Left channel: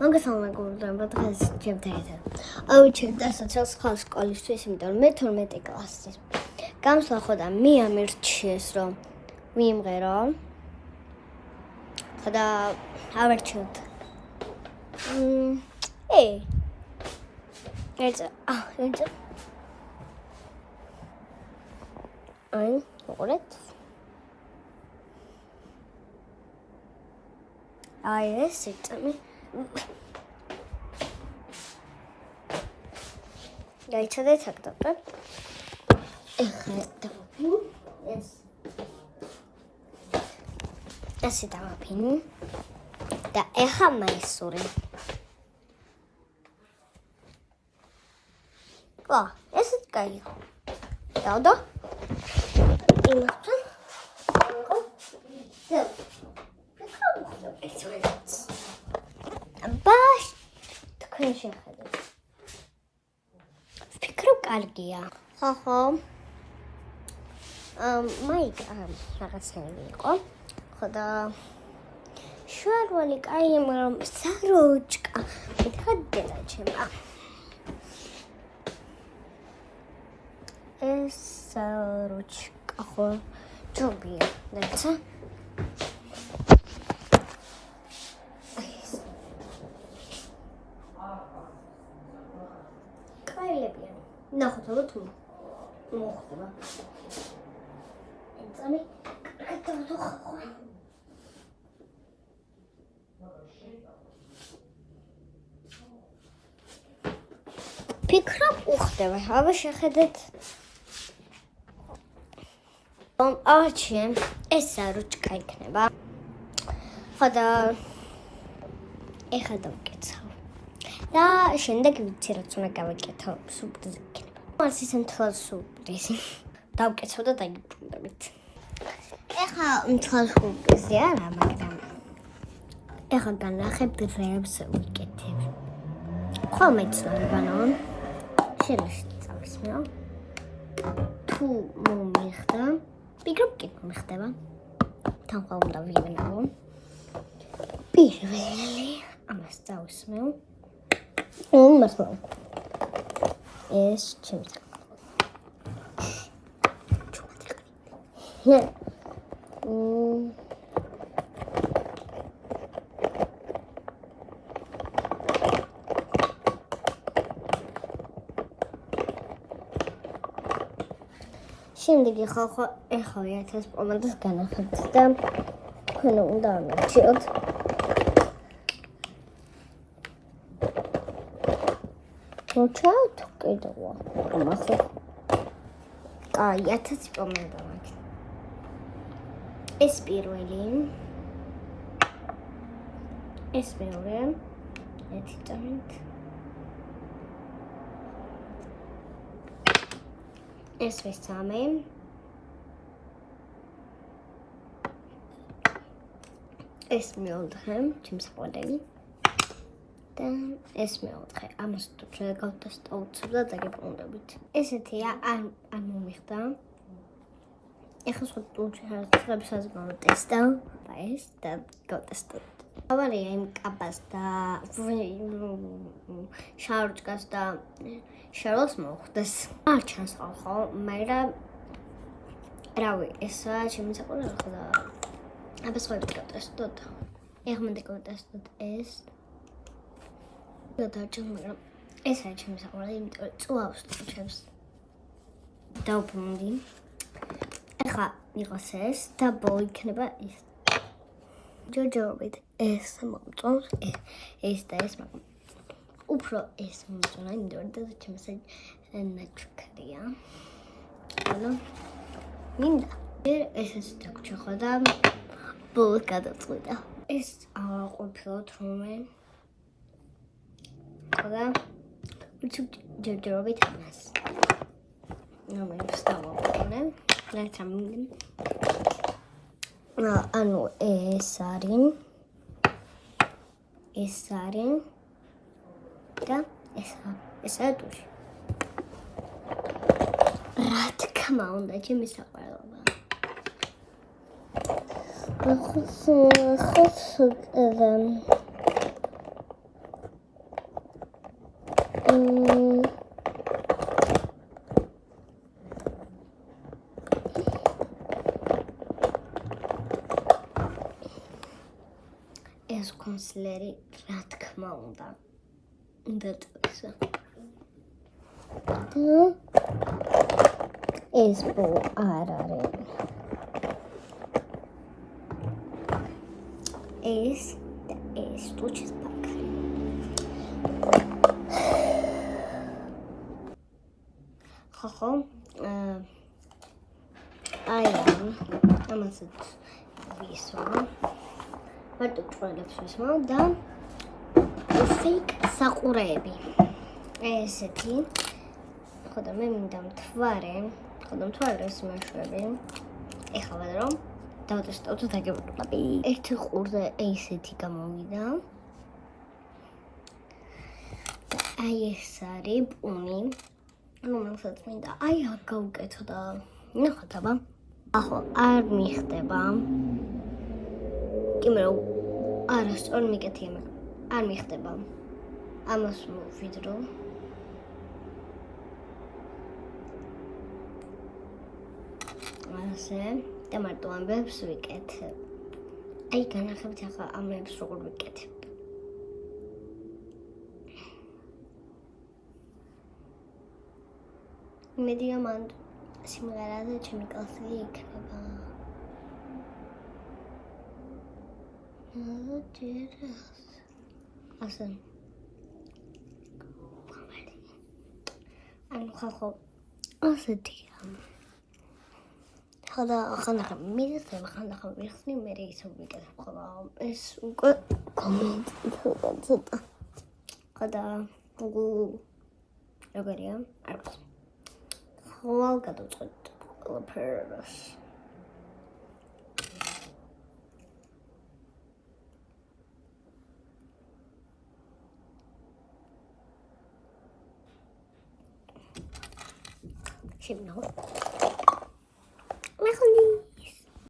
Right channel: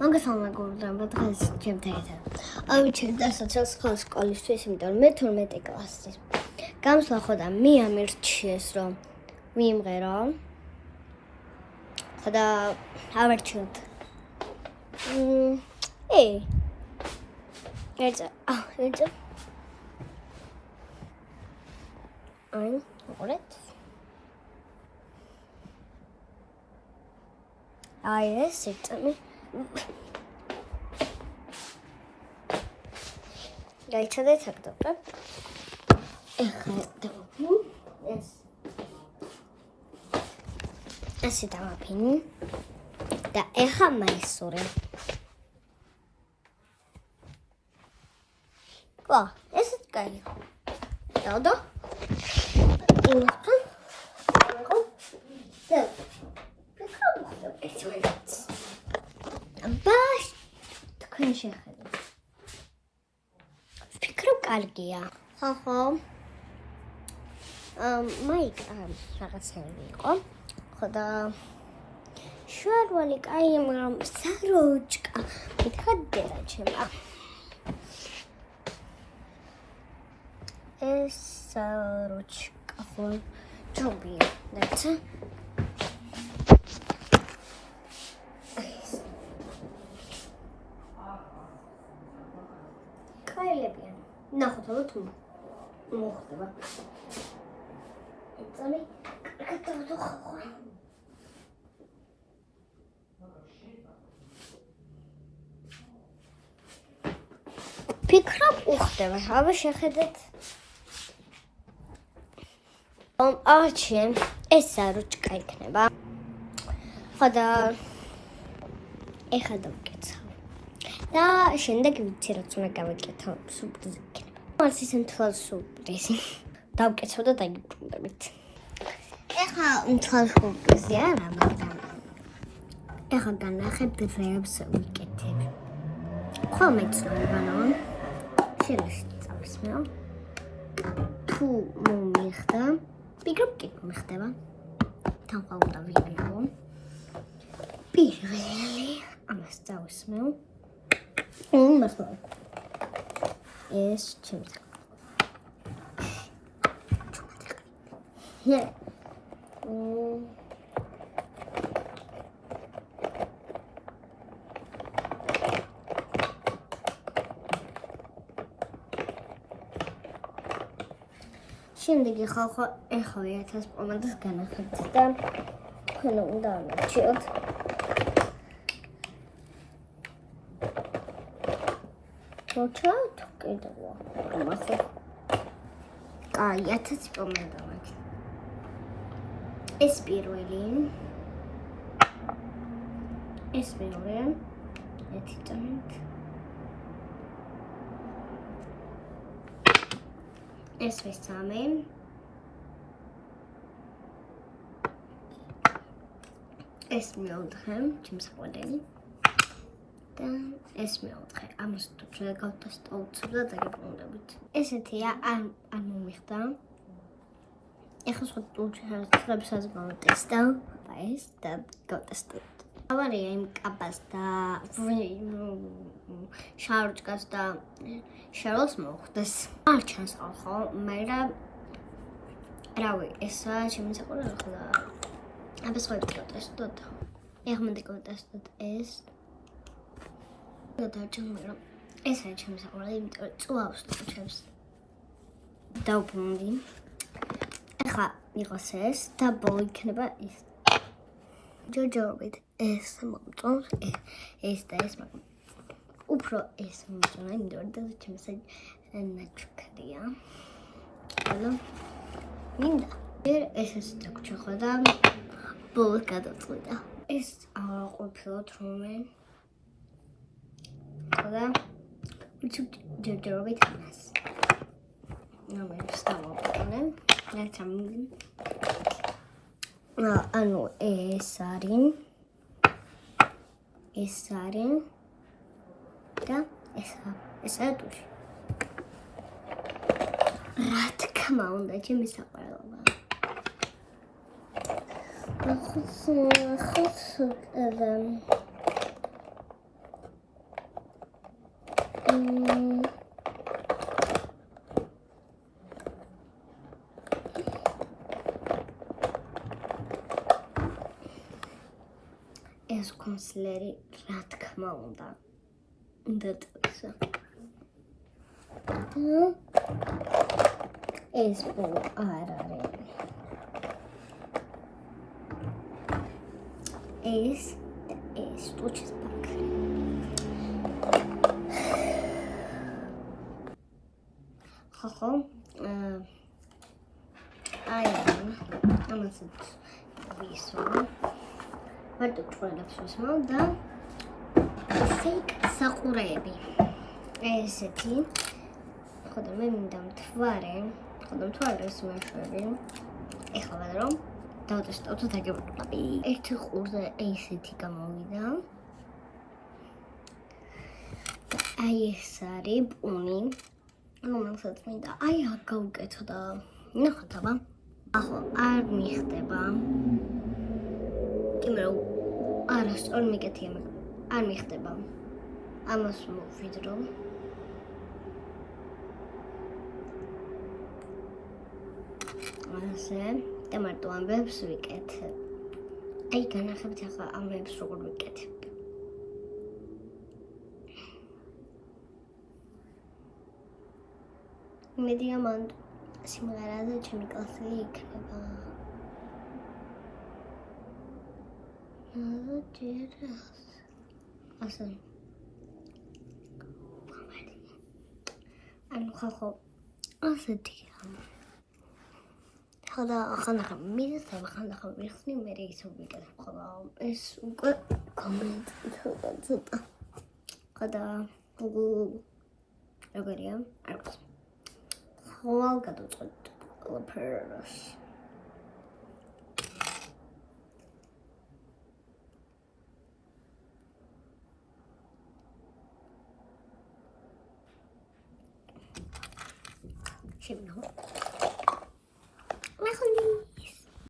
მოგესალმებით დღეს ჩემთან ერთად. ავიჩერე დასაცილ სკოლისთვის, იმიტომ მე 12 კლასის. გამოსვლა ხო და მე ამირჩიეს რომ მიიმღერო. ხო და ავერჩიოთ. ერთზე. აი, მოყოლეთ. აი ეს იწამი. გაიცადეთ აქ დავყებ. ეხლა დავაფინ. ეს. ასე დავაფინ. და ეხლა მაისურე. ვა, ესეც კაია. დავდო. იმასთან. ბაშ, თქვენ შეხედეთ. ფიქრობ კარგია. ხო. მაიკ რაღაცნაირი იყო. ხო და შვარვალი კაი, მაგრამ საროჭკა. მითხა დედა ჩემა. ეს საროჭკა ხო ჯობია, დაცა. კაილებიან. ნახოთ ალბათ თუ მოხდება. იცამი, კაკაო ხო. ფიქრობ უხდება, აბა შეხედეთ. არჩიე, ეს საროჭკა იქნება. ხო და ეხლა დავკეცავ. და შემდეგ ვიცი რაც უნდა გავიკეთო, სურპრიზი იქნება. არც ისე მთლად სურპრიზი. დავკეცავ და დაიბრუნდებით. ეხლა მთლად სურპრიზი არა, მაგრამ ეხლა განახებ დრებს ვიკეთებ. ხოლმე ცნობიანო. შევისწავლისმეო. თუ მომიხდა, ფიქრობ კი მომიხდება. თან ხომ უნდა ვიგნაო. პირველი ამას წავისმეო. მასო. ეს ჩემს. შემდეგი ხალხო ეხლა 1000 პომადას განახებთ და თქვენ უნდა ამერჩიოთ. მოჩავთ კიდევა. ამასო. კაი, 1000 პომადა მაქვს. ეს პირველი. ეს მეორე. ერთი წამით. ეს მესამე. ეს მეოთხე, ჩემს ყვადელი. და ეს მეოთხე. ამას თუ შეგავდასტავთ და დაგებრუნდებით. ესეთია, არ მომიხდა. ეხლა სხვა ტუჩებს გავტესტავ. და ეს და გავტესტავ. ავარია იმ კაბას და შაროჭკას და შაროს მოხდეს. არ ჩანს ხო, მაგრამ რავი, ესა შემისაყოლა ხო და აბა სხვა ვიტესტოთ. ეხლა მე დავტესტოთ ეს. და ჩამ მაგრამ ეს არის შემისაყოლა, იმიტომ რომ წვავს ტუჩებს. დავბრუნდი. ეხლა იყოს ეს და ბოლო იქნება ეს. ჯოჯობით ეს მომწონს, ეს და ეს მაგრამ უფრო ეს მომწონა, იმიტომ რომ ჩემს ნაჩქრია. ანუ მინდა ეს დაგჭა ხო და ბოლო გადაწყვიტა. ეს ყოფილოთ რომე ხო და ჯოჯობით ამას. მე ვსტავობ. ნაცამი. ანუ ეს არის და ესა ტუში. რა თქმა უნდა, ჩემი საყვარელობა. ხო ეს კონსილერი რა თქმა უნდა დაწესა. ეს ბოლო არ არის. ეს ტუჩის პაკარი. ხო, ამასაც ვისვა. მარტო ჭრელებს ვისვა და ფეიქ საყურეები. ესეთი. ხოდა მე მინდა მთვარე. ხოდა მთვარეს მეშვები. ეხლა რომ დავტესტავთ დაგებრუნები. ერთი ყურზე ესეთი გამოვიდა. აი ეს არის პუნი. რომელსაც მინდა აი აქ გავუკეთო და ნახოთ აბა. ახლა არ მიხდება. კი მე არასწორ მიკეთია მაგრამ არ მიხდება. ამას მოვიდრო. ასე და მარტო ამბებს ვიკეთებ. აი განახებთ ახლა ამბებს როგორ ვიკეთებ. მე დიამანტ სიმღერაზე ჩემი კლასელი იქნება. ასე. ანუ ხალხო ასეთია. ხოდა ხანახა მიხდება, ხანახა ვიხსნი, მე ისე ვიკეთებ ხოლმე. ეს უკვე კომენტი ცოტა. ხოდა როგორია? არ ვიცი. ხვალ გადავწყვეტ ყველაფერს. შევნა. მე ხონი